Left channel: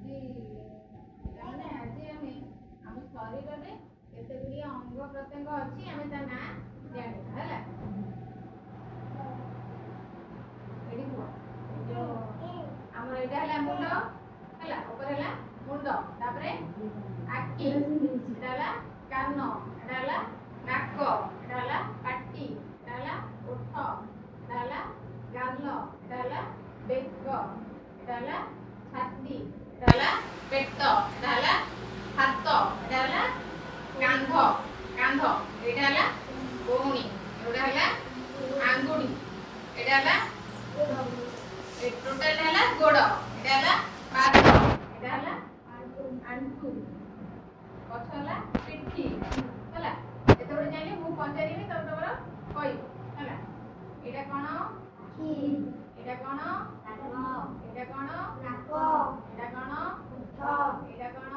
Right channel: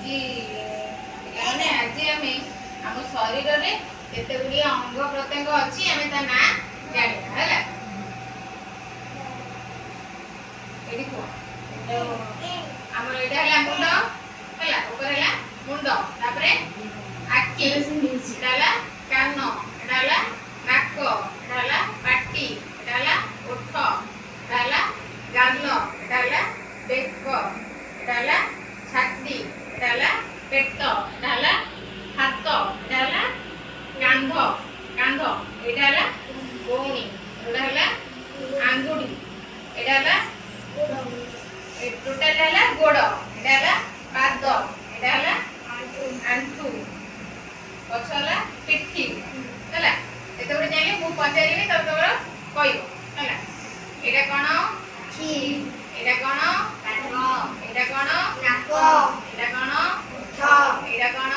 ଆଜି ପିଲାମାନେ ଆଜି ଆମେ ଆମ ଶରୀରରେ କେତେ ଗୁଡ଼ିଏ ଅଙ୍ଗ ପ୍ରତ୍ୟଙ୍ଗ ଅଛି ଆମେ ତା ନାଁ ଜାଣିବା ହେଲା। ଏଠି କୁହ ଆମର ଏଇଟା ହେଲା ମୁଣ୍ଡ ହେଲା, ଉପରେ ହେଲା ମୁଣ୍ଡ, ତାପରେ ଆଖି, ଏଟା ହେଲା କାନ, ଏଟା ହେଲା ନାକ, ଏଟା ହେଲା ପାଟି, ଏଟା ହେଲା ଓଠ, ଏଟା ହେଲା ଗାଲ, ଏଟା ହେଲା ବେକ, ଏଟା ହେଲା ଛାତି, ଏଟା ହେଲା ପେଟ, ଏଟା ହେଲା ହାତ, ଏଟା ହେଲା କାନ୍ଧ କାନ୍ଧ, ଏଇଟା ହେଲା କହୁଣି, ଏଇଟା ହେଲା ଆଙ୍ଗୁଠି, ଏଇଟା ହେଲା ଟୋଟାଲ ହେଲା ଗୋଡ଼, ଏଇଟା ହେଲା ପାଦ, ଏଇଟା ହେଲା ଆଣ୍ଠୁ, ପଛ ହେଲା ପିଠି ହେଲା। ଏତେବେଳେ ଯାଇକି ମୁଁ ପଚାରିବି ତମେ ତମର କହିବ ହେଲା। ଏଇଟା କ'ଣ? ଏଇଟା କ'ଣ? କାନ। ଏଇଟା କ'ଣ? ନାକ। ଏଇଟା କ'ଣ? ଓଠ। ଏଇଟା କ'ଣ?